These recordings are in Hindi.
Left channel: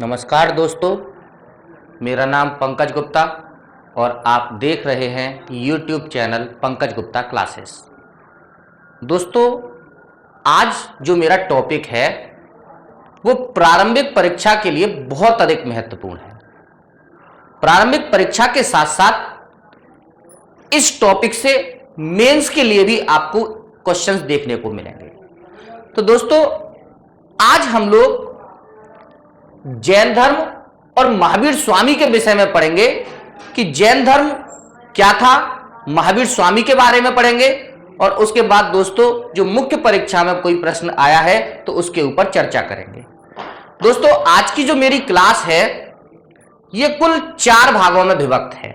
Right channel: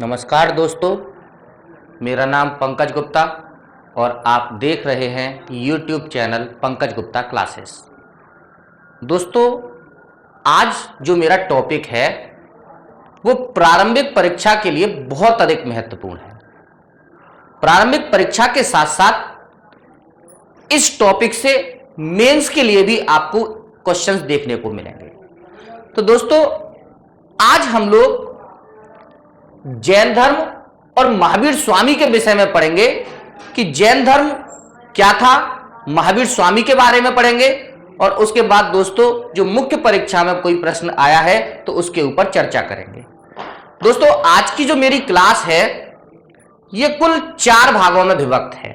नमस्कार दोस्तों, मेरा नाम पंकज गुप्ता और आप देख रहे हैं YouTube channel Pankaj Gupta classes. दोस्तों, आज जो मेरा टॉपिक है वो प्रारंभिक परीक्षा के लिए बहुत अधिक महत्वपूर्ण है। प्रारंभिक परीक्षा के साथ साथ इस टॉपिक से मेंस के लिए भी आपको क्वेश्चंस देखने को मिलेंगे। तो दोस्तों, आज हम लोग जैन धर्म और महावीर स्वामी के विषय में पढ़ेंगे कि जैन धर्म क्या था, महावीर स्वामी के बारे में पढ़ेंगे और उसके बाद दोस्तों जो मुख्य परीक्षा में कोई प्रश्न आया है तो उसके ऊपर चर्चा करेंगे। दोस्तों, आज की जो मेरी क्लास है ये कुल 4 भागों में विभक्त है।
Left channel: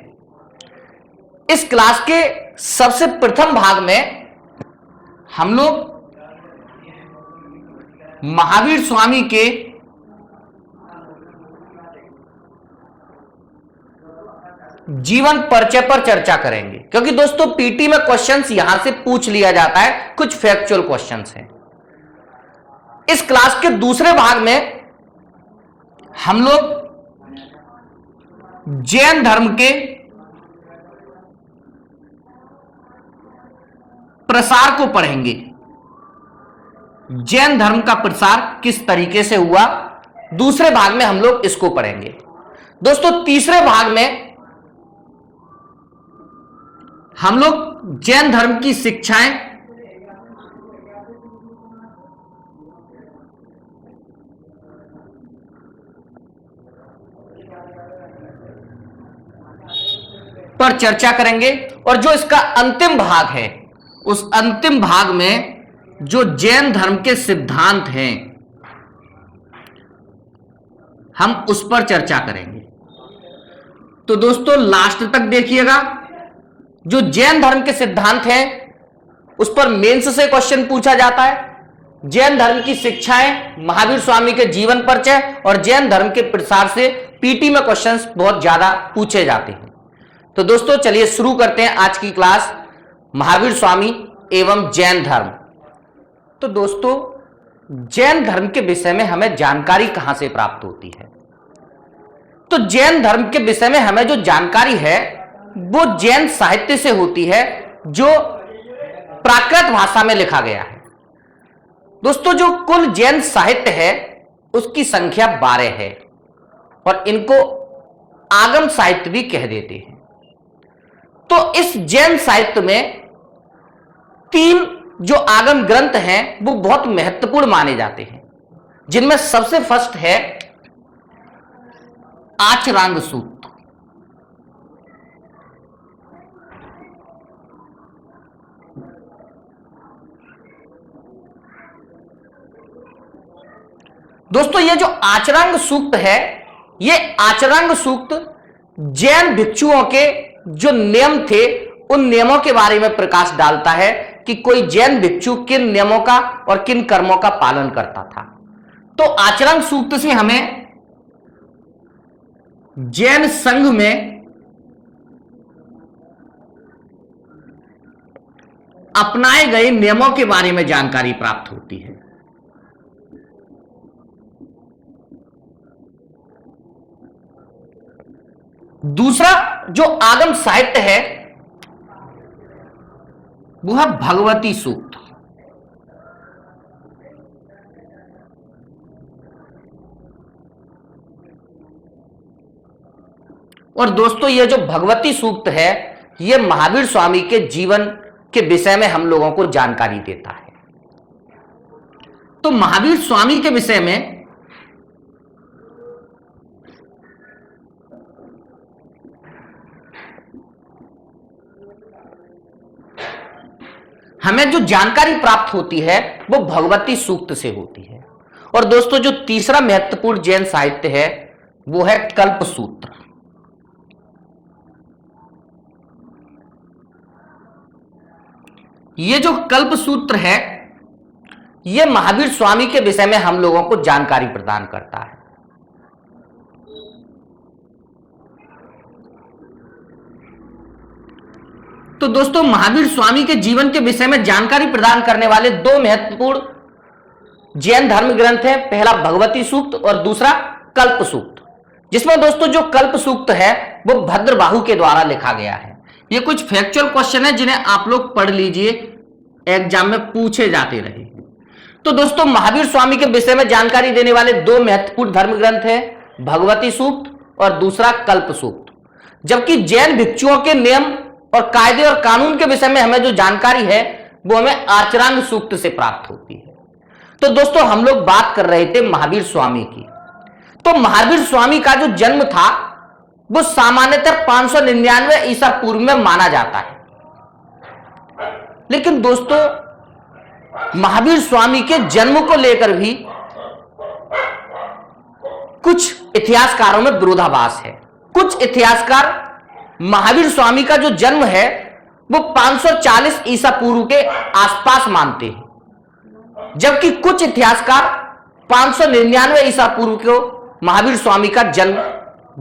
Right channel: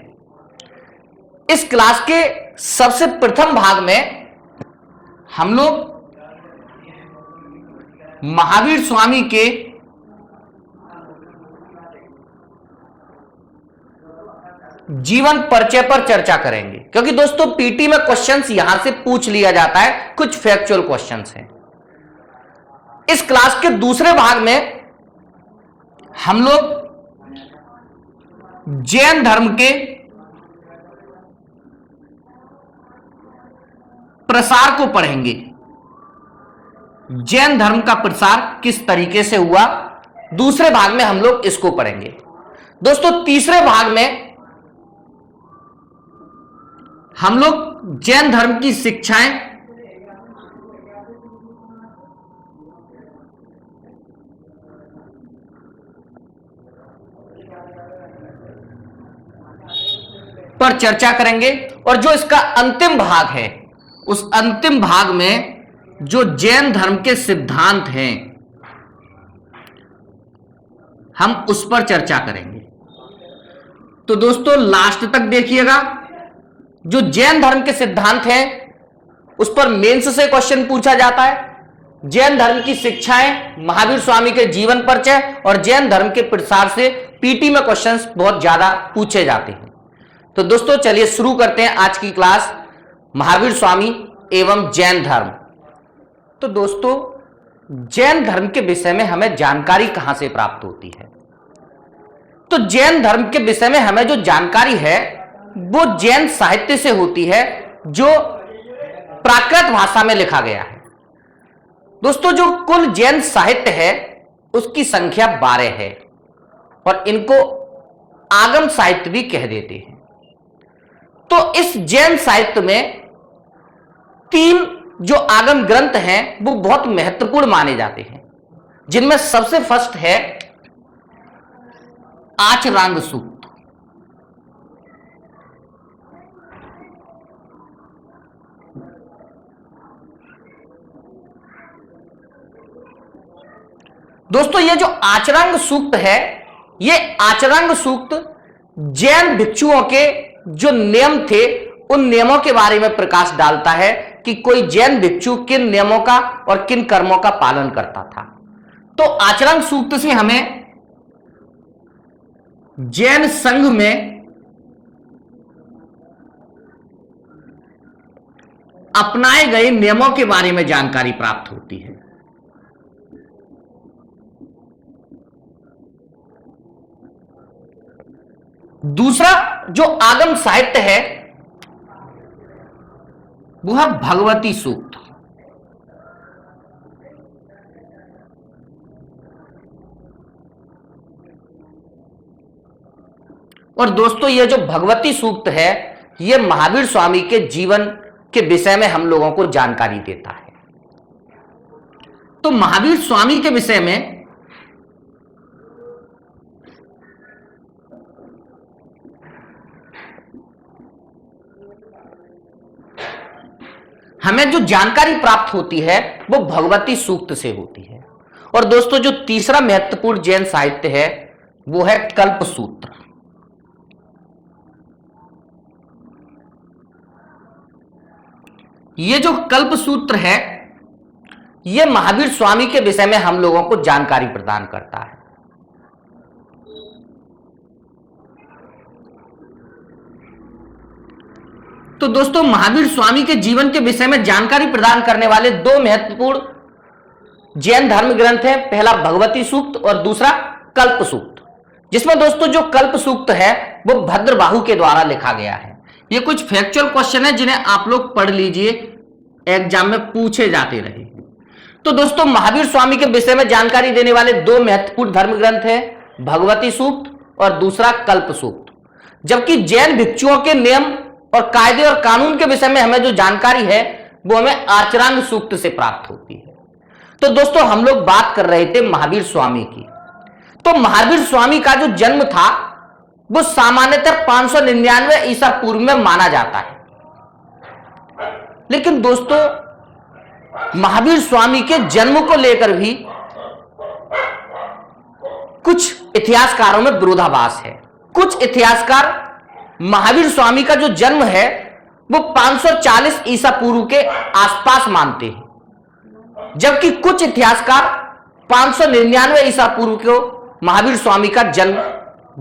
इस क्लास के सबसे प्रथम भाग में हम लोग महावीर स्वामी के जीवन परिचय पर चर्चा करेंगे, क्योंकि दोस्तों पीटी में क्वेश्चंस यहां से पूछ लिया जाता है, कुछ फैक्चुअल क्वेश्चंस हैं। इस क्लास के दूसरे भाग में हम लोग जैन धर्म के प्रसार को पढ़ेंगे। जैन धर्म का प्रसार किस तरीके से हुआ, दूसरे भाग में हम लोग इसको पढ़ेंगे। दोस्तों, तीसरे भाग में हम लोग जैन धर्म की शिक्षाएं, पर चर्चा करेंगे और जो इसका अंतिम भाग है उस अंतिम भाग में जो जैन धर्म के सिद्धांत हैं हम उस पर चर्चा करेंगे। तो दोस्तों लास्ट तक देखिएगा। जो जैन धर्म के सिद्धांत हैं उस पर मेंस से क्वेश्चन पूछा जाता है। जैन धर्म की शिक्षाएं, महावीर स्वामी के जीवन परिचय और जैन धर्म के प्रसार से पीटी में क्वेश्चंस बहुत ज्यादा पूछे जाते हैं। तो दोस्तों चलिए शुरू करते हैं आज की क्लास, महावीर स्वामी एवं जैन धर्म। तो दोस्तों, जैन धर्म के विषय में हमें जानकारी कहां से प्राप्त होती है? तो जैन धर्म के विषय में हमें जो जानकारी है वो जैन साहित्य से होती है, जो प्राकृत भाषा में लिखा गया है। दोस्तों, जो कुल जैन साहित्य है उसकी संख्या 12 है और इनको आगम साहित्य भी कह देते हैं। तो इस जैन साहित्य में 3 जो आगम ग्रंथ हैं वो बहुत महत्वपूर्ण माने जाते हैं, जिनमें सबसे फर्स्ट है आचरांग सूक्त। दोस्तों, ये जो आचरांग सूक्त है, ये आचरांग सूक्त जैन भिक्षुओं के जो नियम थे उन नियमों के बारे में प्रकाश डालता है कि कोई जैन भिक्षु किन नियमों का और किन कर्मों का पालन करता था। तो आचरांग सूक्त से हमें जैन संघ में अपनाए गए नियमों के बारे में जानकारी प्राप्त होती है। दूसरा जो आगम साहित्य है वो है भगवती सूक्त। और दोस्तों, ये जो भगवती सूक्त है ये महावीर स्वामी के जीवन के विषय में हम लोगों को जानकारी देता है। तो महावीर स्वामी के विषय में हमें जो जानकारी प्राप्त होती है वो भगवती सूक्त से होती है। और दोस्तों, जो तीसरा महत्वपूर्ण जैन साहित्य है वो है कल्प सूत्र। ये जो कल्प सूत्र है ये महावीर स्वामी के विषय में हम लोगों को जानकारी प्रदान करता है। तो दोस्तों, महावीर स्वामी के जीवन के विषय में जानकारी प्रदान करने वाले 2 महत्वपूर्ण जैन धर्म ग्रंथ हैं। पहला भगवती सूक्त और दूसरा कल्प सूक्त, जिसमें दोस्तों जो कल्प सूक्त है वो भद्रबाहु के द्वारा लिखा गया है। ये कुछ फैक्चुअल क्वेश्चन है जिन्हें आप लोग पढ़ लीजिए, एग्जाम में पूछे जाते रहे। तो दोस्तों महावीर स्वामी के विषय में जानकारी देने वाले दो महत्वपूर्ण धर्म ग्रंथ है, भगवती सूक्त और दूसरा कल्प सूक्त। जबकि जैन भिक्षुओं के नियम और कायदे और कानून के विषय में हमें जो जानकारी है वो हमें आचरांग सूक्त से प्राप्त होती है। तो दोस्तों हम लोग बात कर रहे थे महावीर स्वामी की। तो महावीर स्वामी का जो जन्म था वो सामान्यतः 599 ईसा पूर्व में माना जाता है। लेकिन दोस्तों महावीर स्वामी के जन्म को लेकर भी कुछ इतिहासकारों में विरोधाभास है। कुछ इतिहासकार महावीर स्वामी का जो जन्म है वो 540 ईसा पूर्व के आसपास मानते हैं, जबकि कुछ इतिहासकार 599 ईसा पूर्व को महावीर स्वामी का जन्म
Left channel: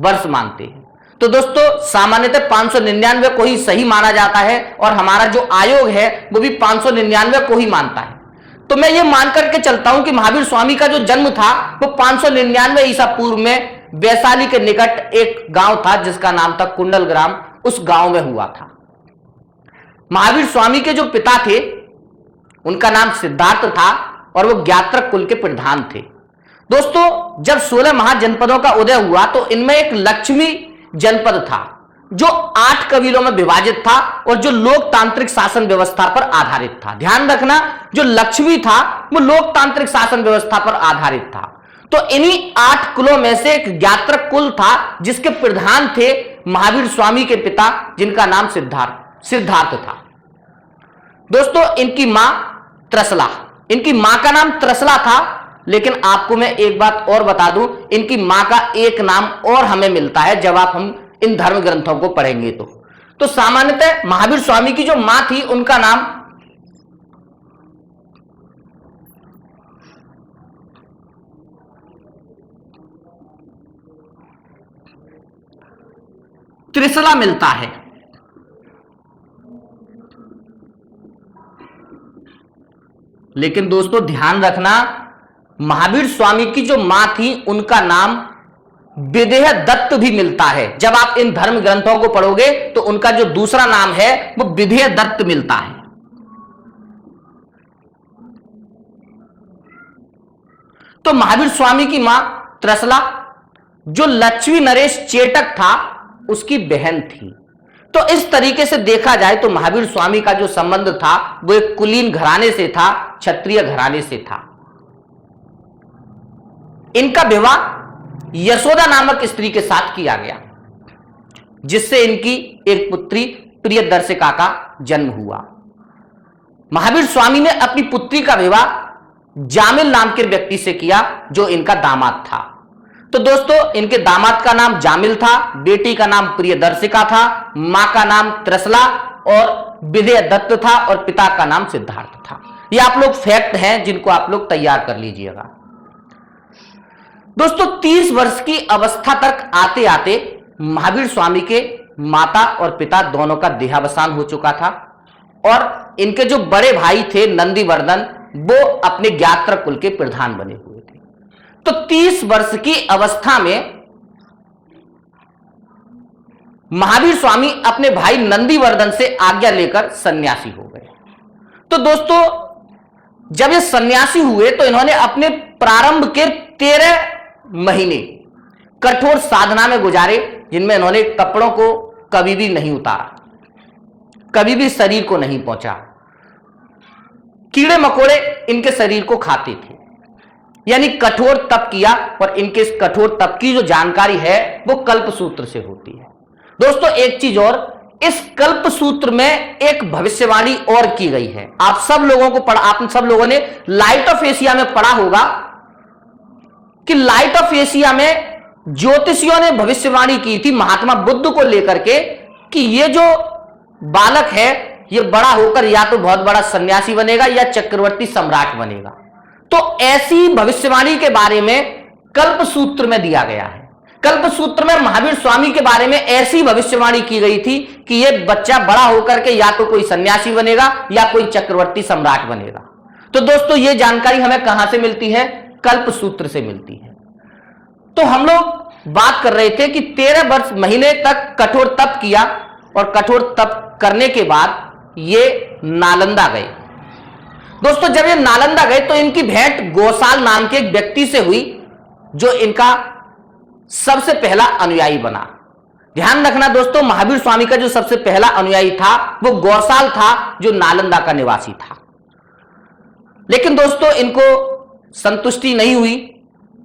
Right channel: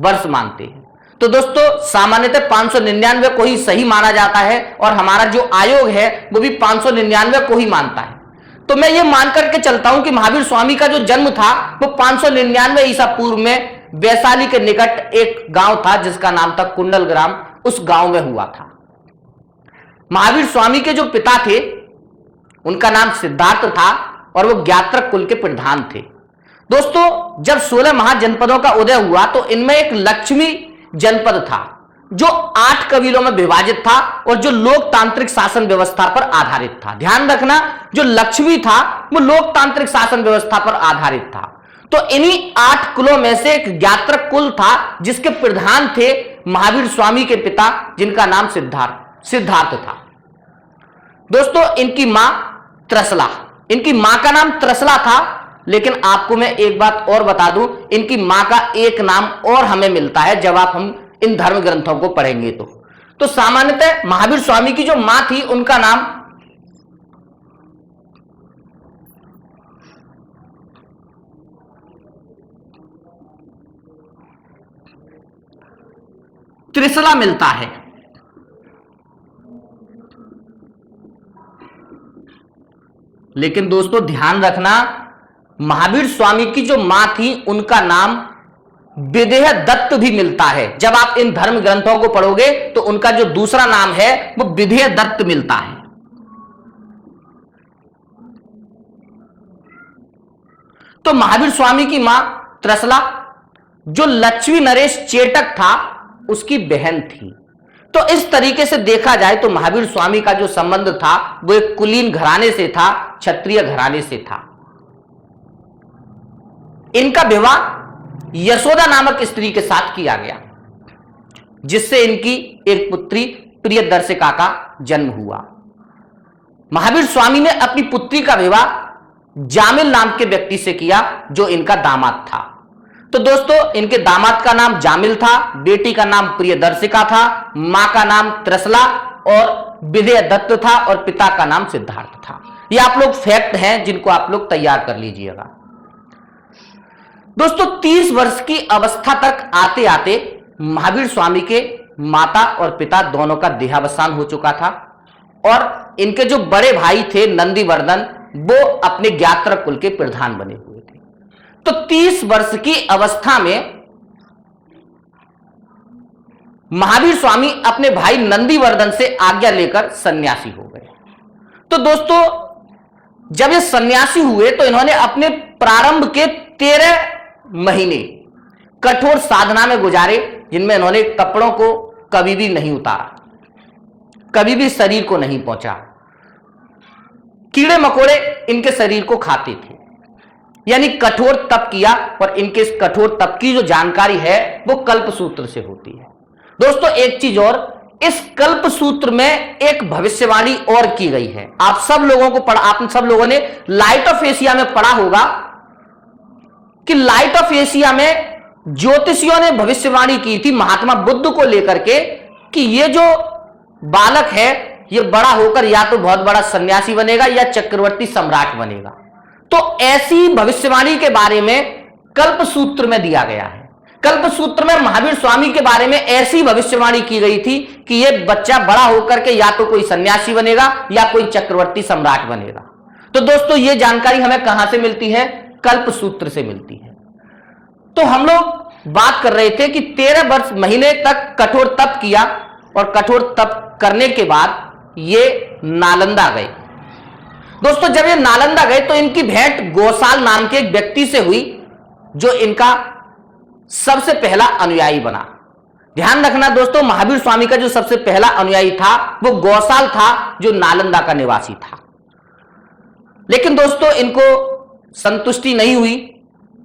वर्ष मानते हैं। तो दोस्तों सामान्यतः 599 को ही सही माना जाता है और हमारा जो आयोग है वो भी 599 को ही मानता है। तो मैं ये मान करके चलता हूं कि महावीर स्वामी का जो जन्म था वो 599 ईसा पूर्व में वैशाली के निकट एक गांव था जिसका नाम था कुंडल ग्राम, उस गांव में हुआ था। महावीर स्वामी के जो पिता थे उनका नाम सिद्धार्थ था और वो ज्ञात्रक कुल के प्रधान थे। दोस्तों जब 16 महाजनपदों का उदय हुआ तो इनमें एक लक्ष्मी जनपद था जो 8 कबीलों में विभाजित था और जो लोकतांत्रिक शासन व्यवस्था पर आधारित था। ध्यान रखना, जो लक्ष्मी था वो लोकतांत्रिक शासन व्यवस्था पर आधारित था। तो इन्हीं 8 कुलों में से एक ज्ञात्रक कुल था जिसके प्रधान थे महावीर स्वामी के पिता, जिनका नाम सिद्धार्थ था। दोस्तों इनकी मां त्रसला, इनकी मां का नाम त्रसला था। लेकिन आपको मैं एक बात और बता दूं, इनकी मां का एक नाम और हमें मिलता है जब आप हम इन धर्म ग्रंथों को पढ़ेंगे। तो सामान्यतः महावीर स्वामी की जो मां थी उनका नाम त्रिशला मिलता है। लेकिन दोस्तों ध्यान रखना, महावीर स्वामी की जो मां थी उनका नाम विदेह दत्त भी मिलता है। जब आप इन धर्म ग्रंथों को पढ़ोगे तो उनका जो दूसरा नाम है वो विदेह दत्त मिलता है। तो महावीर स्वामी की मां त्रसला जो लक्ष्मी नरेश चेटक था उसकी बहन थी। तो इस तरीके से देखा जाए तो महावीर स्वामी का जो संबंध था वो एक कुलीन घराने से था, क्षत्रिय घराने से था। इनका विवाह यशोदा नामक स्त्री के साथ किया गया जिससे इनकी एक पुत्री प्रियदर्शिका का जन्म हुआ। महावीर स्वामी ने अपनी पुत्री का विवाह जामिल नाम के व्यक्ति से किया जो इनका दामाद था। तो दोस्तों इनके दामाद का नाम जामिल था, बेटी का नाम प्रियदर्शिका था, मां का नाम त्रसला और विदेह दत्त था और पिता का नाम सिद्धार्थ था। ये आप लोग फैक्ट हैं जिनको आप लोग तैयार कर लीजिएगा। दोस्तों 30 वर्ष की अवस्था तक आते आते महावीर स्वामी के माता और पिता दोनों का देहावसान हो चुका था और इनके जो बड़े भाई थे नंदीवर्धन वो अपने ज्ञात्रक कुल के प्रधान बने हुए थे। तो 30 वर्ष की अवस्था में महावीर स्वामी अपने भाई नंदीवर्धन से आज्ञा लेकर सन्यासी हो गए। तो दोस्तों जब ये सन्यासी हुए तो इन्होंने अपने प्रारंभ के 13 महीने कठोर साधना में गुजारे जिनमें इन्होंने कपड़ों को कभी भी नहीं उतारा, कभी भी शरीर को नहीं पहुंचा। कीड़े मकोड़े इनके शरीर को खाते थे, यानी कठोर तप किया। और इनके इस कठोर तप की जो जानकारी है वो कल्प सूत्र से होती है। दोस्तों एक चीज और, इस कल्प सूत्र में एक भविष्यवाणी और की गई है। आप सब लोगों ने लाइट ऑफ एशिया में पढ़ा होगा कि लाइट ऑफ एशिया में ज्योतिषियों ने भविष्यवाणी की थी महात्मा बुद्ध को लेकर के कि ये जो बालक है ये बड़ा होकर या तो बहुत बड़ा सन्यासी बनेगा या चक्रवर्ती सम्राट बनेगा। तो ऐसी भविष्यवाणी के बारे में कल्प सूत्र में दिया गया है। कल्प सूत्र में महावीर स्वामी के बारे में ऐसी भविष्यवाणी की गई थी कि ये बच्चा बड़ा होकर के या तो कोई सन्यासी बनेगा या कोई चक्रवर्ती सम्राट बनेगा। तो दोस्तों ये जानकारी हमें कहां से मिलती है? कल्प सूत्र से मिलती है। तो हम लोग बात कर रहे थे कि 13 वर्ष महीने तक कठोर तप किया और कठोर तप करने के बाद ये नालंदा गए। दोस्तों जब ये नालंदा गए तो इनकी भेंट गोसाल नाम के एक व्यक्ति से हुई जो इनका सबसे पहला अनुयायी बना। ध्यान रखना दोस्तों, महावीर स्वामी का जो सबसे पहला अनुयायी था वो गौसाल था जो नालंदा का निवासी था। लेकिन दोस्तों इनको संतुष्टि नहीं हुई,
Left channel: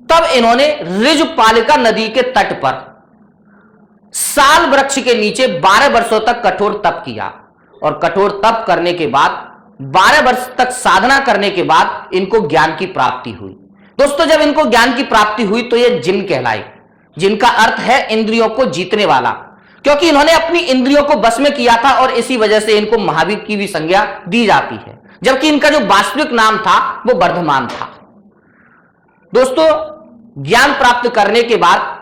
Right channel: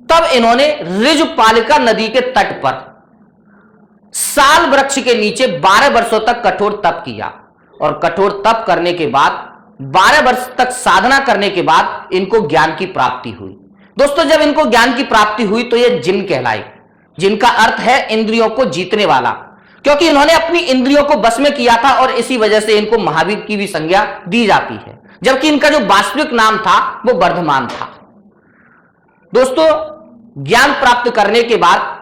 तब इन्होंने ऋजुपालिका नदी के तट पर साल वृक्ष के नीचे 12 वर्षों तक कठोर तप किया और कठोर तप करने के बाद 12 वर्ष तक साधना करने के बाद इनको ज्ञान की प्राप्ति हुई। दोस्तों जब इनको ज्ञान की प्राप्ति हुई तो ये जिन कहलाई, जिनका अर्थ है इंद्रियों को जीतने वाला, क्योंकि इन्होंने अपनी इंद्रियों को बस में किया था और इसी वजह से इनको महावीर की भी संज्ञा दी जाती है, जबकि इनका जो वास्तविक नाम था वो वर्धमान था। दोस्तों ज्ञान प्राप्त करने के बाद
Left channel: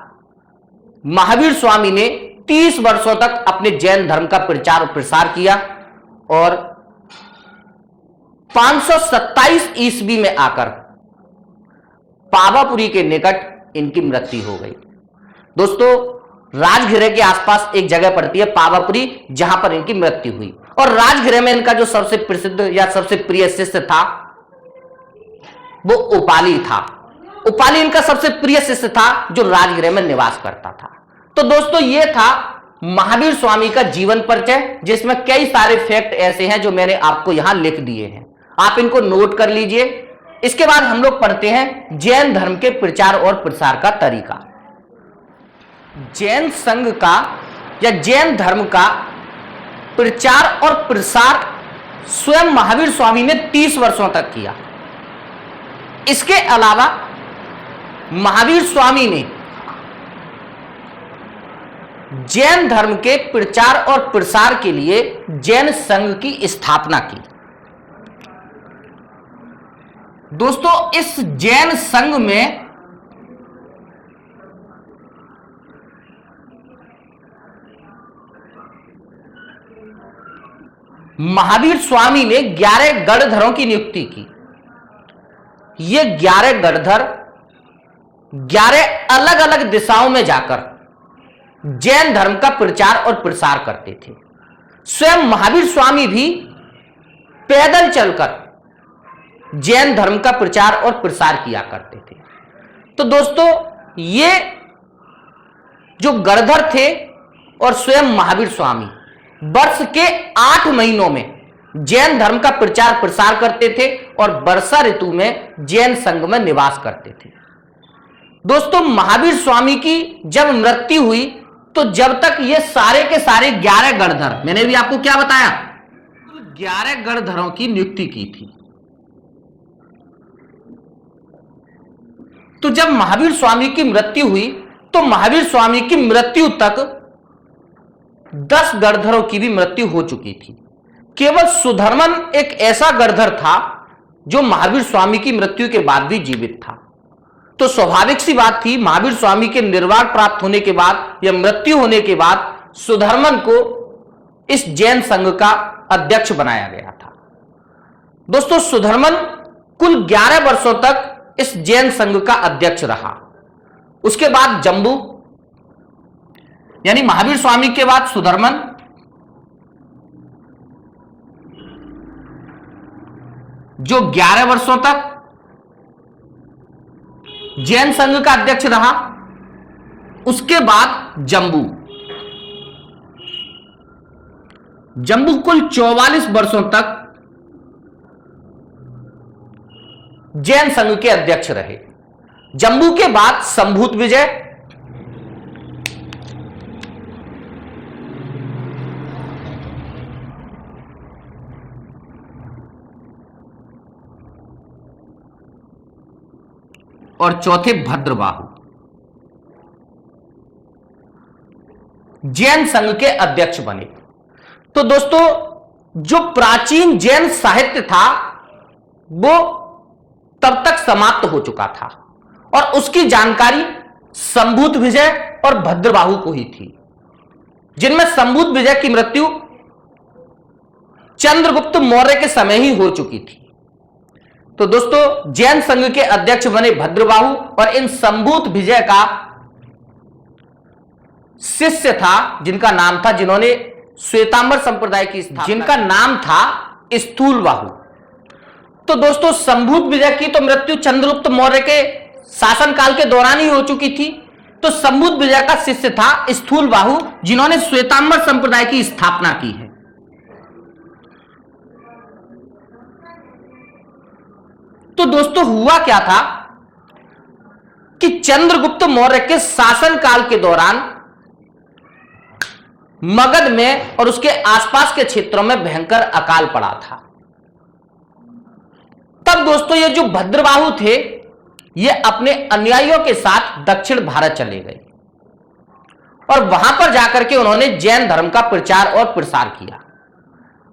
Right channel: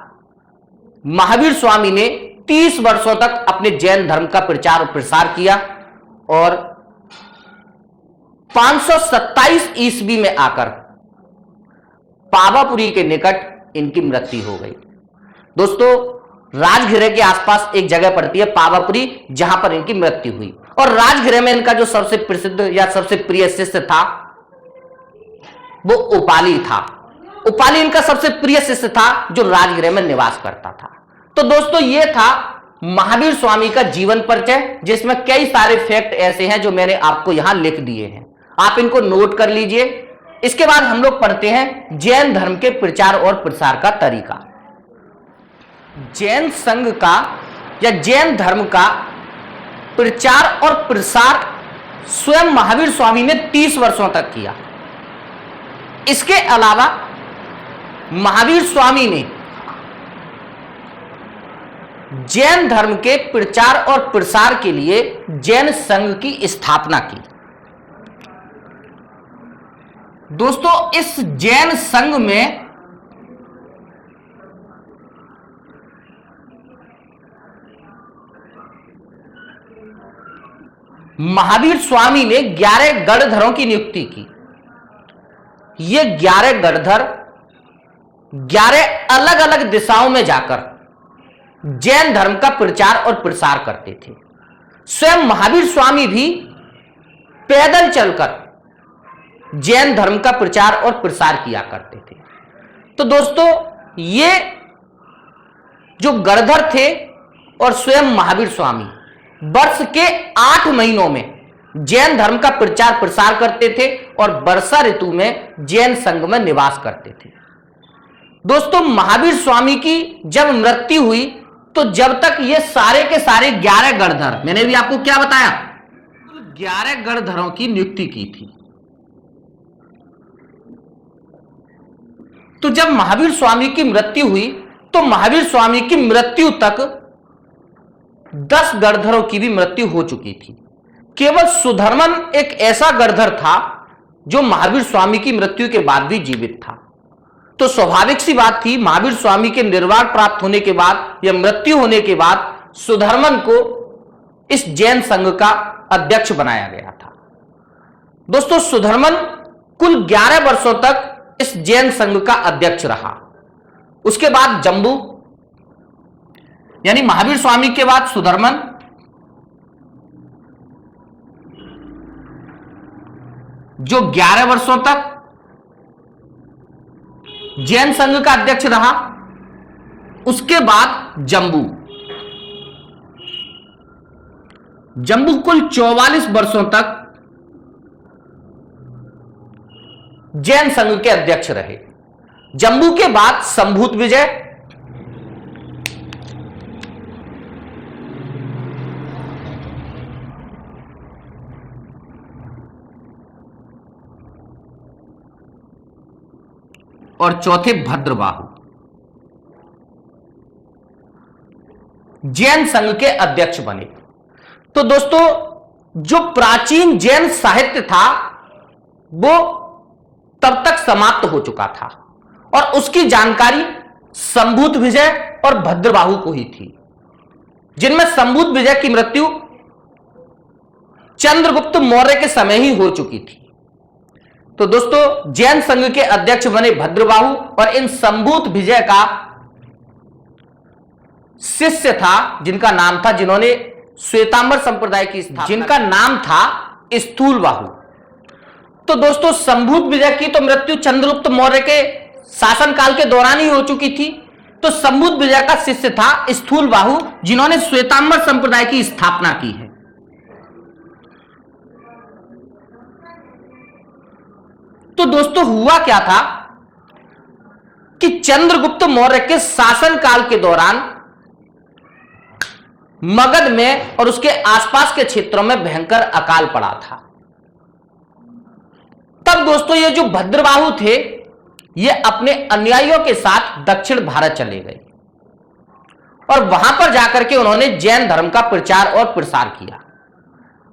महावीर स्वामी ने 30 वर्षों तक अपने जैन धर्म का प्रचार और प्रसार किया और 527 ईस्वी में आकर पावापुरी के निकट इनकी मृत्यु हो गई। दोस्तों राजगृह के आसपास एक जगह पड़ती है पावापुरी, जहां पर इनकी मृत्यु हुई। और राजगृह में इनका जो सबसे प्रसिद्ध या सबसे प्रिय शिष्य था वो उपाली था। उपाली इनका सबसे प्रिय शिष्य था जो राजगृह में निवास करता था। तो दोस्तों ये था महावीर स्वामी का जीवन परिचय, जिसमें कई सारे फैक्ट ऐसे हैं जो मैंने आपको यहां लिख दिए हैं, आप इनको नोट कर लीजिए। इसके बाद हम लोग पढ़ते हैं जैन धर्म के प्रचार और प्रसार का तरीका। जैन संघ का या जैन धर्म का प्रचार और प्रसार स्वयं महावीर स्वामी ने 30 वर्षों तक किया। इसके अलावा महावीर स्वामी ने जैन धर्म के प्रचार और प्रसार के लिए जैन संघ की स्थापना की। दोस्तों इस जैन संघ में महावीर स्वामी ने 11 गणधरों की नियुक्ति की। ये 11 गणधर 11 अलग अलग दिशाओं में जाकर जैन धर्म का प्रचार और प्रसार करते थे। स्वयं महावीर स्वामी भी पैदल चलकर जैन धर्म का प्रचार और प्रसार किया करते थे। तो दोस्तों ये जो गणधर थे और स्वयं महावीर स्वामी वर्ष के 8 महीनों में जैन धर्म का प्रचार प्रसार करते थे और वर्षा ऋतु में जैन संघ में निवास करते थे। दोस्तों महावीर स्वामी की जब मृत्यु हुई तो जब तक ये सारे के सारे 11 गणधर, मैंने भी आपको क्या बताया, 11 गणधरों की नियुक्ति की थी। तो जब महावीर स्वामी की मृत्यु हुई तो महावीर स्वामी की मृत्यु तक 10 गणधरों की भी मृत्यु हो चुकी थी। केवल सुधर्मन एक ऐसा गणधर था जो महावीर स्वामी की मृत्यु के बाद भी जीवित था। तो स्वाभाविक सी बात थी, महावीर स्वामी के निर्वाण प्राप्त होने के बाद या मृत्यु होने के बाद सुधर्मन को इस जैन संघ का अध्यक्ष बनाया गया था। दोस्तों सुधर्मन कुल 11 वर्षों तक इस जैन संघ का अध्यक्ष रहा। उसके बाद जम्बू, यानी महावीर स्वामी के बाद सुधर्मन, जो 11 वर्षों तक जैन संघ का अध्यक्ष रहा। उसके बाद जम्बू, जम्बू कुल 44 वर्षों तक जैन संघ के अध्यक्ष रहे। जम्बू के बाद संभूत विजय, और चौथे भद्रबाहु जैन संघ के अध्यक्ष बने। तो दोस्तों जो प्राचीन जैन साहित्य था वो तब तक समाप्त हो चुका था और उसकी जानकारी संभूत विजय और भद्रबाहु को ही थी, जिनमें संभूत विजय की मृत्यु चंद्रगुप्त मौर्य के समय ही हो चुकी थी। तो दोस्तों जैन संघ के अध्यक्ष बने भद्रबाहु और इन संभूत विजय का शिष्य था जिनका नाम था, जिन्होंने श्वेतांबर संप्रदाय की स्थापना, जिनका नाम था स्थूलबाहु। तो दोस्तों संभूत विजय की तो मृत्यु चंद्रगुप्त मौर्य के शासनकाल के दौरान ही हो चुकी थी। तो संभूत विजय का शिष्य था स्थूलबाहु, जिन्होंने श्वेतांबर संप्रदाय की स्थापना की है। तो दोस्तों हुआ क्या था कि चंद्रगुप्त मौर्य के शासनकाल के दौरान मगध में और उसके आसपास के क्षेत्रों में भयंकर अकाल पड़ा था। तब दोस्तों ये जो भद्रबाहु थे ये अपने अनुयायियों के साथ दक्षिण भारत चले गए और वहां पर जाकर के उन्होंने जैन धर्म का प्रचार और प्रसार किया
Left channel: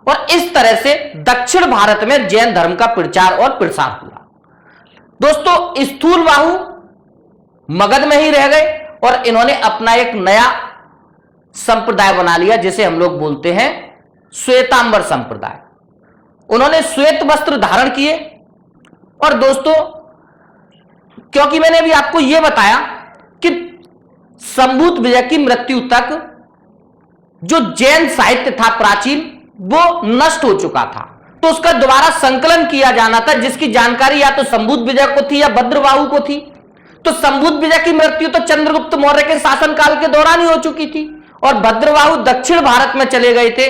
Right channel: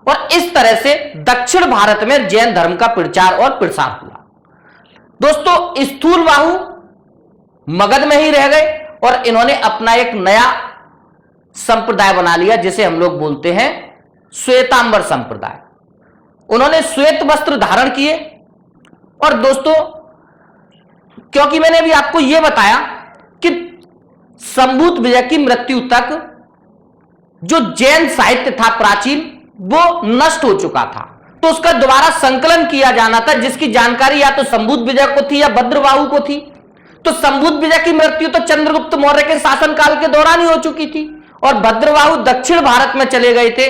और इस तरह से दक्षिण भारत में जैन धर्म का प्रचार और प्रसार हुआ। दोस्तों स्थूलबाहु मगध में ही रह गए और इन्होंने अपना एक नया संप्रदाय बना लिया जिसे हम लोग बोलते हैं श्वेतांबर संप्रदाय। उन्होंने श्वेत वस्त्र धारण किए और दोस्तों क्योंकि मैंने अभी आपको यह बताया कि संभूत विजय की मृत्यु तक जो जैन साहित्य था प्राचीन वो नष्ट हो चुका था, तो उसका दोबारा संकलन किया जाना था, जिसकी जानकारी या तो संभूत विजय को थी या भद्रबाहु को थी। तो संभूत विजय की मृत्यु तो चंद्रगुप्त मौर्य के शासनकाल के दौरान ही हो चुकी थी और भद्रबाहु दक्षिण भारत में चले गए थे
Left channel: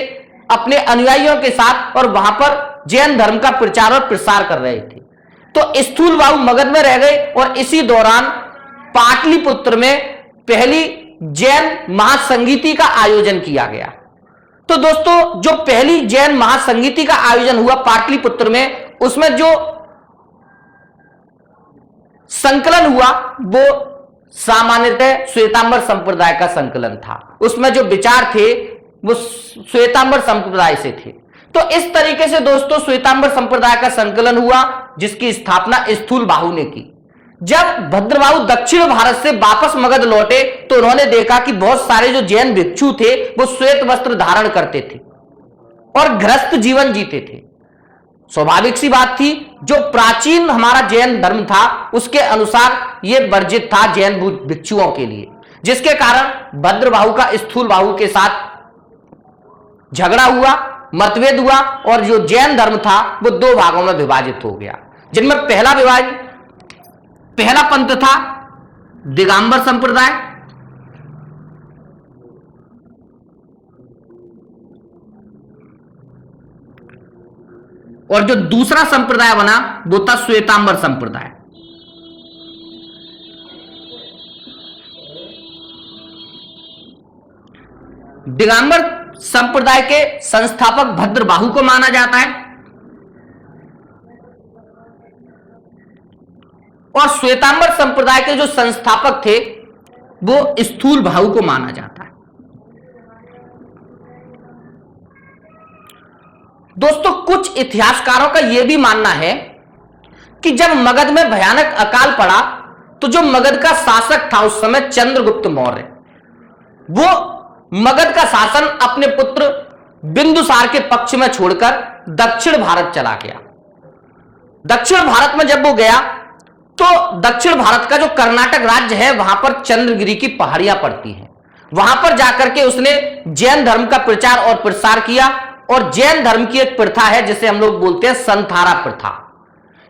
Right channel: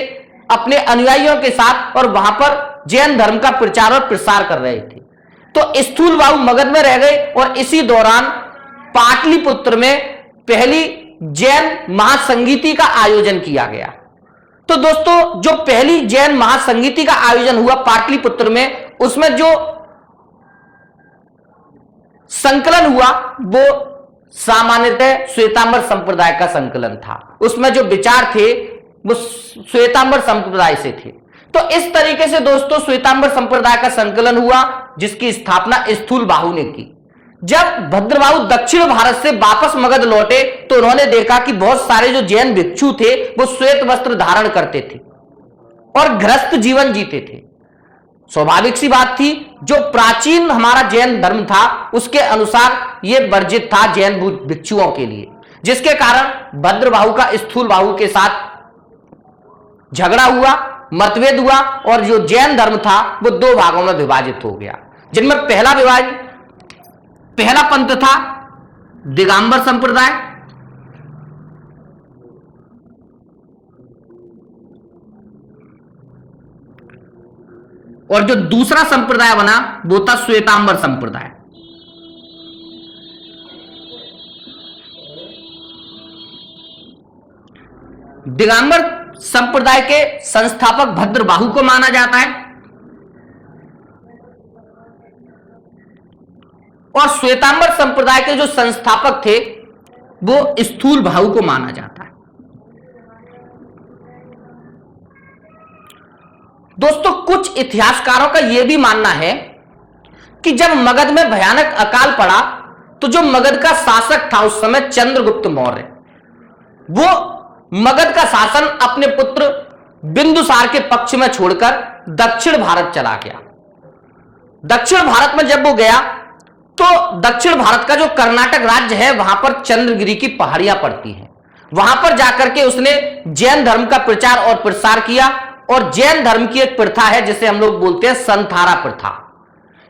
अपने अनुयायियों के साथ और वहां पर जैन धर्म का प्रचार और प्रसार कर रहे थे। तो स्थूलबाहु मगध में रह गए और इसी दौरान पाटलिपुत्र में पहली जैन महासंगीति का आयोजन किया गया। तो दोस्तों जो पहली जैन महासंगीति का आयोजन हुआ पाटलिपुत्र में, उसमें जो संकलन हुआ वो सामान्यतः श्वेतांबर संप्रदाय का संकलन था। उसमें जो विचार थे वो श्वेतांबर संप्रदाय से थे। तो इस तरीके से दोस्तों श्वेतांबर संप्रदाय का संकलन हुआ जिसकी स्थापना स्थूलबाहु ने की। जब भद्रबाहु दक्षिण भारत से वापस मगध लौटे तो उन्होंने देखा कि बहुत सारे जो जैन भिक्षु थे वो श्वेत वस्त्र धारण करते थे और गृहस्थ जीवन जीते थे। स्वाभाविक सी बात थी, जो प्राचीन हमारा जैन धर्म था उसके अनुसार यह वर्जित था जैन भिक्षुओं के लिए, जिसके कारण भद्रबाहु का स्थूलबाहु के साथ झगड़ा हुआ, मतभेद हुआ और जो जैन धर्म था वो दो भागों में विभाजित हो गया, जिनमें पहला पंथ था दिगंबर संप्रदाय और जो दूसरा संप्रदाय बना वो था श्वेतांबर संप्रदाय। दिगंबर संप्रदाय के संस्थापक भद्रबाहु को माना जाता है और श्वेतांबर संप्रदाय के जो संस्थापक थे वो स्थूलबाहु को माना जाता है। दोस्तों कुछ इतिहासकारों का यह भी मानना है कि जब मगध में भयानक अकाल पड़ा तो जो मगध का शासक था उस समय चंद्रगुप्त मौर्य, वो मगध का शासन अपने पुत्र बिंदुसार के पक्ष में छोड़कर दक्षिण भारत चला गया। दक्षिण भारत में जब वो गया तो दक्षिण भारत का जो कर्नाटक राज्य है वहां पर चंद्रगिरी की पहाड़ियां पड़ती हैं। वहां पर जाकर के उसने जैन धर्म का प्रचार और प्रसार किया और जैन धर्म की एक प्रथा है जिसे हम लोग बोलते हैं संथारा प्रथा।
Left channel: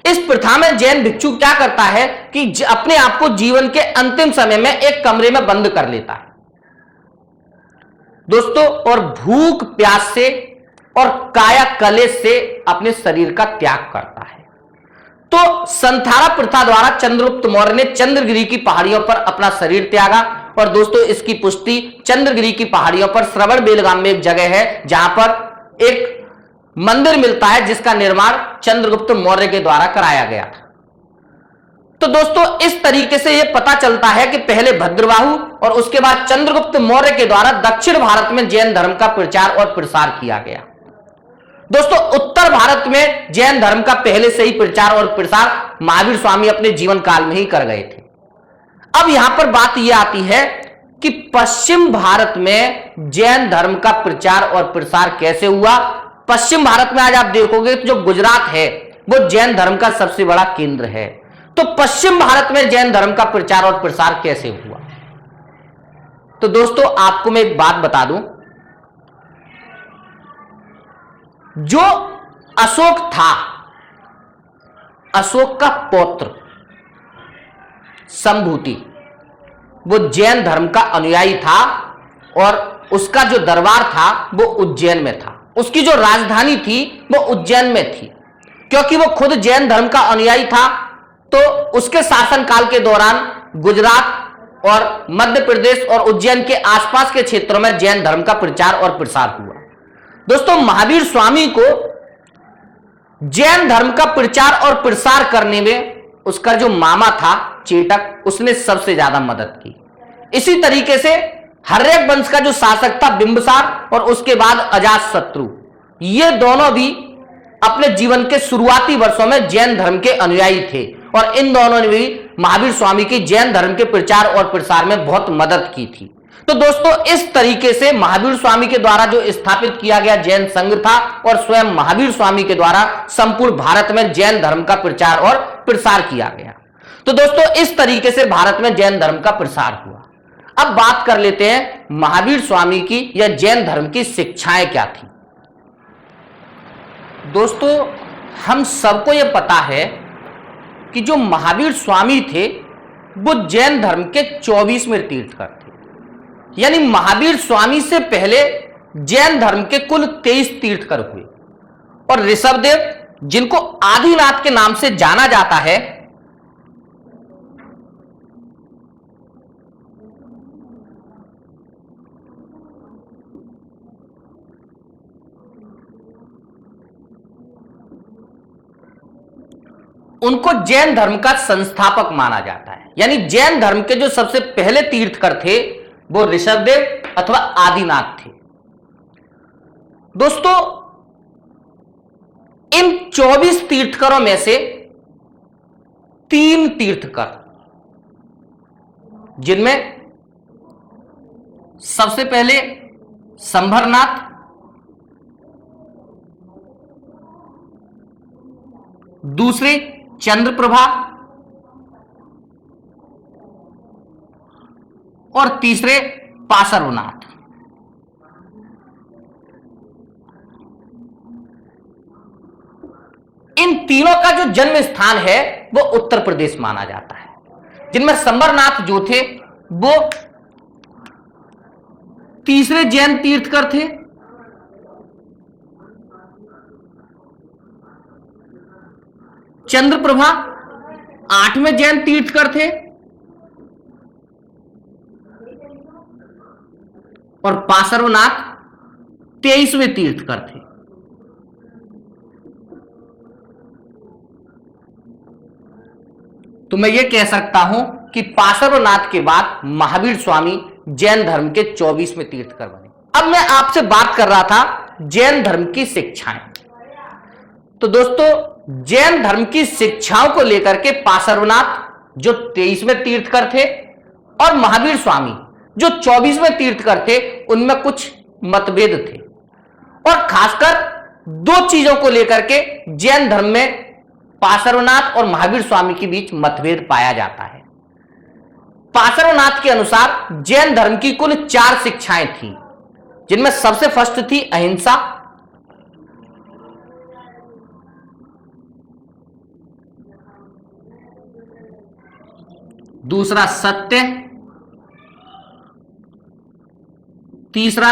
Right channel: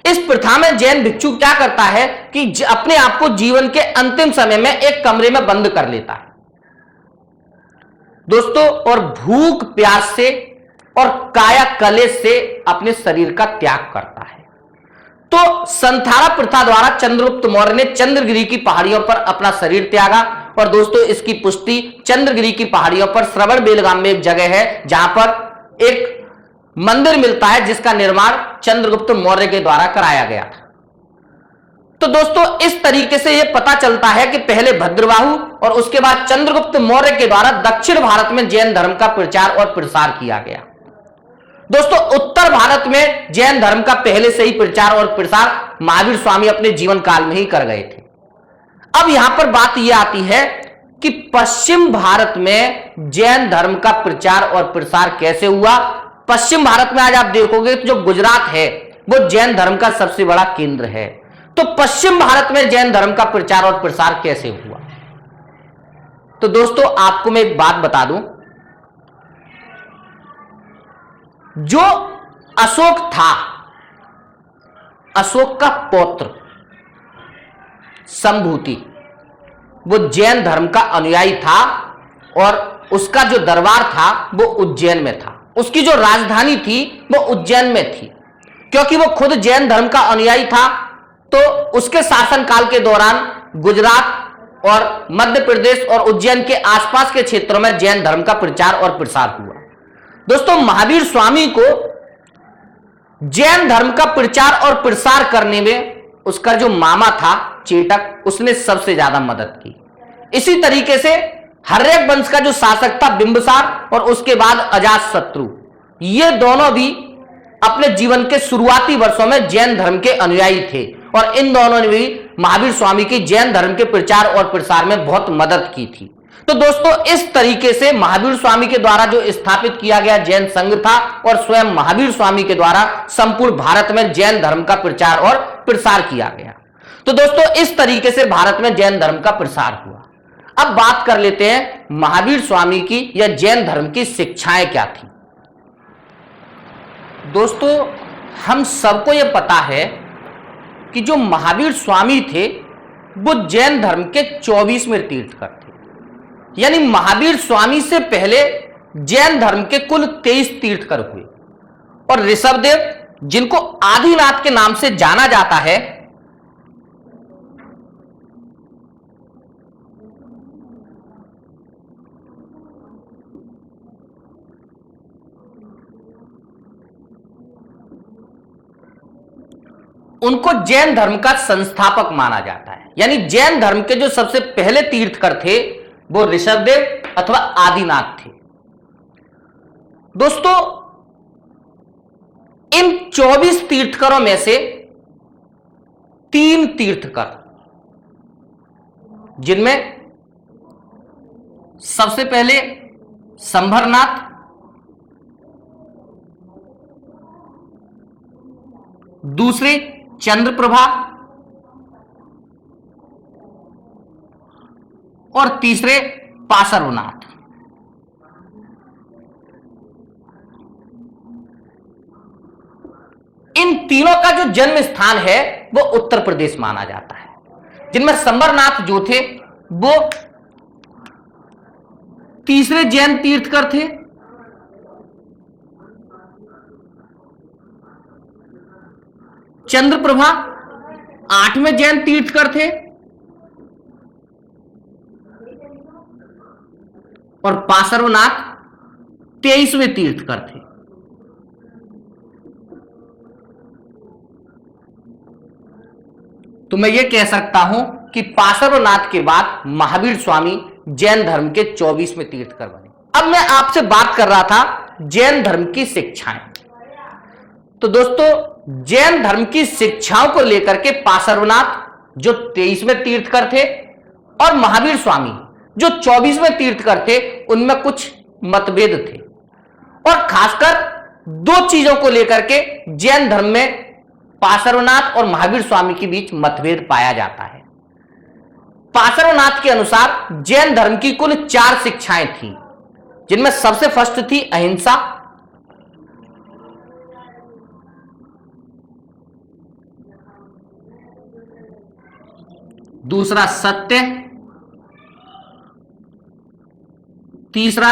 इस प्रथा में जैन भिक्षु क्या करता है कि अपने आप को जीवन के अंतिम समय में एक कमरे में बंद कर लेता है दोस्तों, और भूख प्यास से और काया कलेश से अपने शरीर का त्याग करता है। तो संथारा प्रथा द्वारा चंद्रगुप्त मौर्य ने चंद्रगिरी की पहाड़ियों पर अपना शरीर त्यागा और दोस्तों इसकी पुष्टि चंद्रगिरी की पहाड़ियों पर श्रवण बेलगाम में एक जगह है जहां पर एक मंदिर मिलता है जिसका निर्माण चंद्रगुप्त मौर्य के द्वारा कराया गया था। तो दोस्तों इस तरीके से यह पता चलता है कि पहले भद्रबाहु और उसके बाद चंद्रगुप्त मौर्य के द्वारा दक्षिण भारत में जैन धर्म का प्रचार और प्रसार किया गया। दोस्तों उत्तर भारत में जैन धर्म का पहले से ही प्रचार और प्रसार महावीर स्वामी अपने जीवन काल में ही कर गए थे। अब यहां पर बात यह आती है कि पश्चिम भारत में जैन धर्म का प्रचार और प्रसार कैसे हुआ। पश्चिम भारत में आज आप देखोगे तो जो गुजरात है वो जैन धर्म का सबसे बड़ा केंद्र है। तो पश्चिम भारत में जैन धर्म का प्रचार और प्रसार कैसे हुआ? तो दोस्तों आपको मैं एक बात बता दूं, जो अशोक था, अशोक का पौत्र संभूति, वो जैन धर्म का अनुयायी था और उसका जो दरबार था वो उज्जैन में था। उसकी जो राजधानी थी वो उज्जैन में थी। क्योंकि वो खुद जैन धर्म का अनुयायी था तो उसके शासनकाल के दौरान गुजरात और मध्य प्रदेश और उज्जैन के आसपास के क्षेत्रों में जैन धर्म का प्रचार और प्रसार हुआ। दोस्तों महावीर स्वामी को जैन धर्म का प्रचार और प्रसार करने में उसका जो मामा था चेटक, उसने सबसे ज्यादा मदद की। इसी तरीके से हर्यक वंश का जो शासक था बिंबिसार और उसके बाद अजातशत्रु, ये दोनों भी अपने जीवन के शुरुआती वर्षों में जैन धर्म के अनुयायी थे और इन दोनों ने भी महावीर स्वामी की जैन धर्म के प्रचार और प्रसार में बहुत मदद की थी। तो दोस्तों इस तरीके से महावीर स्वामी के द्वारा जो स्थापित किया गया जैन संघ था और स्वयं महावीर स्वामी के द्वारा संपूर्ण भारत में जैन धर्म का प्रचार और प्रसार किया गया। तो दोस्तों इस तरीके से भारत में जैन धर्म का प्रसार हुआ। अब बात कर लेते हैं महावीर स्वामी की या जैन धर्म की शिक्षाएं क्या थी। दोस्तों हम सबको यह पता है कि जो महावीर स्वामी थे वो जैन धर्म के 24वें तीर्थकर थे। यानी महावीर स्वामी से पहले जैन धर्म के कुल 23 तीर्थकर हुए और ऋषभदेव, जिनको आदिनाथ के नाम से जाना जाता है, उनको जैन धर्म का संस्थापक माना जाता है। यानी जैन धर्म के जो सबसे पहले तीर्थकर थे वो ऋषभदेव अथवा आदिनाथ थे। दोस्तों इन 24 तीर्थकरों में से 3 तीर्थकर, जिनमें सबसे पहले संभरनाथ, दूसरे चंद्रप्रभा और तीसरे पार्श्वनाथ। इन तीनों का जो जन्म स्थान है वो उत्तर प्रदेश माना जाता है। जिनमें संबरनाथ जो थे वो तीसरे जैन तीर्थकर थे, चंद्रप्रभा 8वें जैन तीर्थकर थे और पार्श्वनाथ 23वें तीर्थकर थे। तो मैं ये कह सकता हूं कि पार्श्वनाथ के बाद महावीर स्वामी जैन धर्म के 24वें तीर्थकर बने। अब मैं आपसे बात कर रहा था जैन धर्म की शिक्षाएं। तो दोस्तों जैन धर्म की शिक्षाओं को लेकर के पार्श्वनाथ जो 23वें तीर्थकर थे और महावीर स्वामी जो 24वें तीर्थकर थे, उनमें कुछ मतभेद थे और खासकर 2 चीजों को लेकर के जैन धर्म में पार्श्वनाथ और महावीर स्वामी के बीच मतभेद पाया जाता है। पार्श्वनाथ के अनुसार जैन धर्म की कुल 4 शिक्षाएं थी, जिनमें सबसे फर्स्ट थी अहिंसा, दूसरा सत्य, तीसरा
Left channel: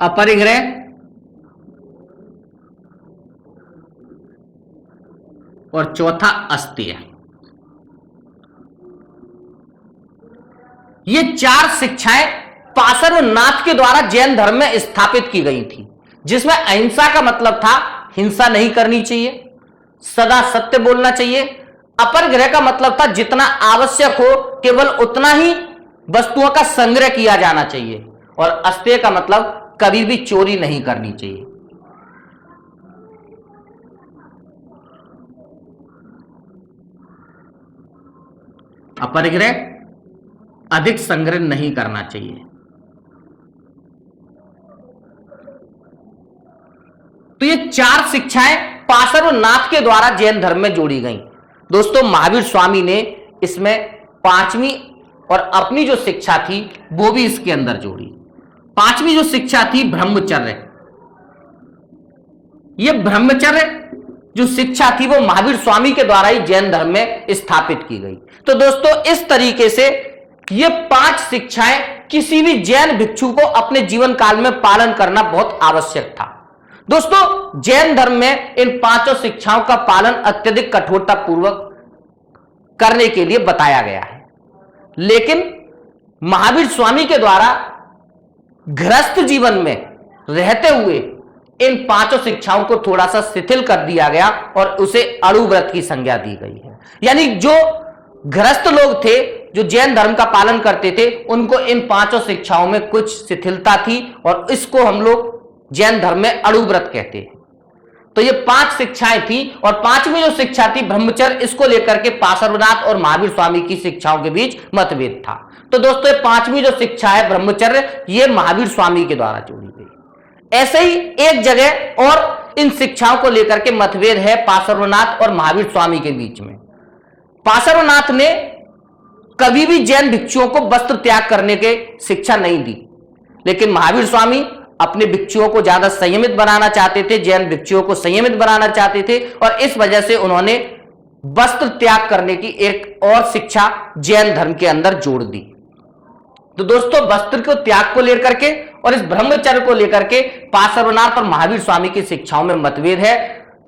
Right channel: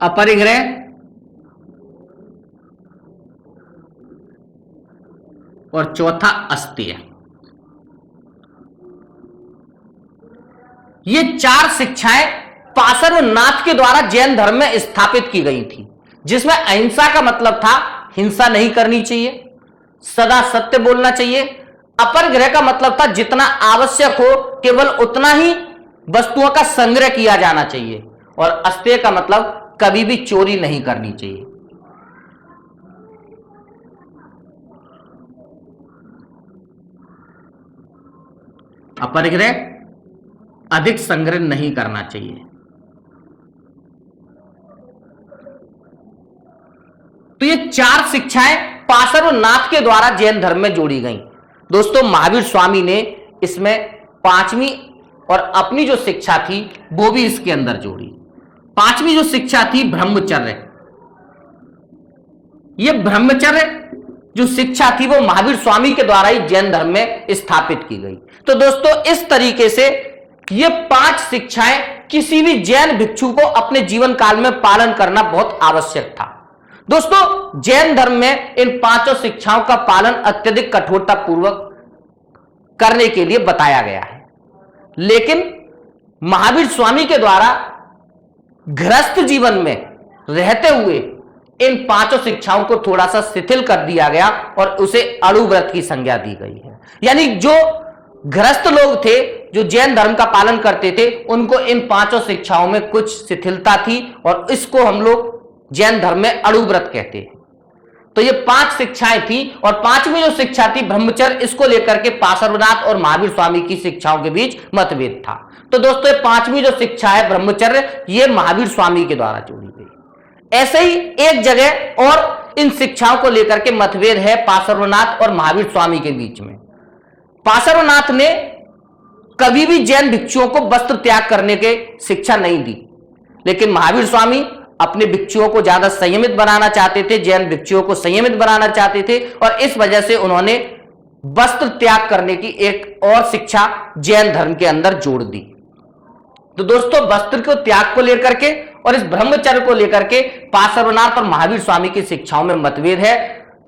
अपरिग्रह और चौथा अस्तेय। ये 4 शिक्षाएं पार्श्वनाथ के द्वारा जैन धर्म में स्थापित की गई थी, जिसमें अहिंसा का मतलब था हिंसा नहीं करनी चाहिए, सदा सत्य बोलना चाहिए, अपरिग्रह का मतलब था जितना आवश्यक हो केवल उतना ही वस्तुओं का संग्रह किया जाना चाहिए, और अस्तेय का मतलब कभी भी चोरी नहीं करनी चाहिए। अपरिग्रह अधिक संग्रह नहीं करना चाहिए। तो ये 4 शिक्षाएं पार्श्वनाथ के द्वारा जैन धर्म में जोड़ी गई। दोस्तों महावीर स्वामी ने इसमें पांचवी और अपनी जो शिक्षा थी वो भी इसके अंदर जोड़ी। पांचवी जो शिक्षा थी ब्रह्मचर्य, ये ब्रह्मचर्य जो शिक्षा थी वो महावीर स्वामी के द्वारा ही जैन धर्म में स्थापित की गई। तो दोस्तों इस तरीके से ये 5 शिक्षाएं किसी भी जैन भिक्षु को अपने जीवन काल में पालन करना बहुत आवश्यक था। दोस्तों जैन धर्म में इन 5 शिक्षाओं का पालन अत्यधिक कठोरता पूर्वक करने के लिए बताया गया है, लेकिन महावीर स्वामी के द्वारा गृहस्थ जीवन में रहते हुए इन 5 शिक्षाओं को थोड़ा सा शिथिल कर दिया गया और उसे अणुव्रत की संज्ञा दी गई है। यानी जो गृहस्थ लोग थे जो जैन धर्म का पालन करते थे उनको इन 5 शिक्षाओं में कुछ शिथिलता थी और इसको हम लोग जैन धर्म में अणुव्रत कहते हैं। तो ये 5 शिक्षाएं थी और 5वीं जो शिक्षा थी ब्रह्मचर्य, इसको लेकर के पार्श्वनाथ और महावीर स्वामी की शिक्षाओं के बीच मतभेद था। तो दोस्तों ये 5वीं जो शिक्षा है ब्रह्मचर्य, ये महावीर स्वामी के द्वारा जोड़ी गई। ऐसे ही एक जगह और इन शिक्षाओं को लेकर के मतभेद है पार्श्वनाथ और महावीर स्वामी के बीच में। पार्श्वनाथ ने कभी भी जैन भिक्षुओं को वस्त्र त्याग करने की शिक्षा नहीं दी, लेकिन महावीर स्वामी अपने भिक्षुओं को ज्यादा संयमित बनाना चाहते थे, जैन भिक्षुओं को संयमित बनाना चाहते थे और इस वजह से उन्होंने वस्त्र त्याग करने की एक और शिक्षा जैन धर्म के अंदर जोड़ दी। तो दोस्तों वस्त्र के त्याग को लेकर के और इस ब्रह्मचर्य को लेकर के पार्श्वनाथ और महावीर स्वामी की शिक्षाओं में मतभेद है।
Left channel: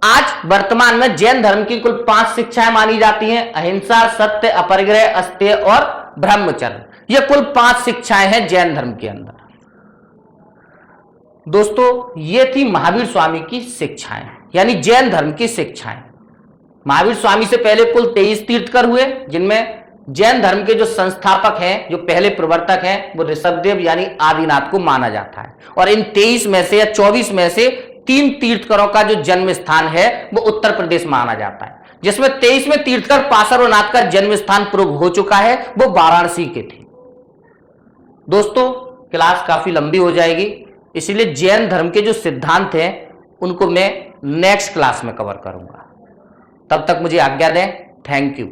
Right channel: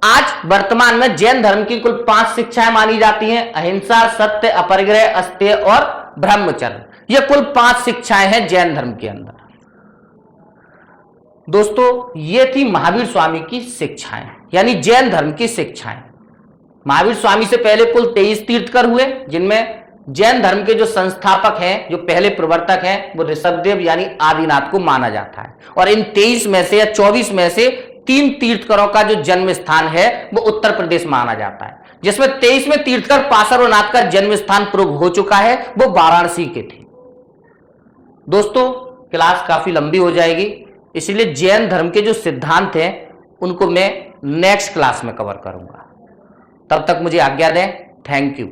आज वर्तमान में जैन धर्म की कुल 5 शिक्षाएं मानी जाती हैं, अहिंसा, सत्य, अपरिग्रह, अस्तेय और ब्रह्मचर्य। ये कुल 5 शिक्षाएं हैं जैन धर्म के अंदर। दोस्तों ये थी महावीर स्वामी की शिक्षाएं, यानी जैन धर्म की शिक्षाएं। महावीर स्वामी से पहले कुल 23 तीर्थकर हुए, जिनमें जैन धर्म के जो संस्थापक हैं, जो पहले प्रवर्तक हैं, वो ऋषभदेव यानी आदिनाथ को माना जाता है। और इन 23 में से या 24 में से 3 तीर्थकरों का जो जन्म स्थान है वो उत्तर प्रदेश माना जाता है, जिसमें 23वें तीर्थकर पार्श्वनाथ का जन्म स्थान पूर्व हो चुका है, वो वाराणसी के थे। दोस्तों क्लास काफी लंबी हो जाएगी, इसलिए जैन धर्म के जो सिद्धांत हैं उनको मैं नेक्स्ट क्लास में कवर करूंगा। तब तक मुझे आज्ञा दें। Thank you.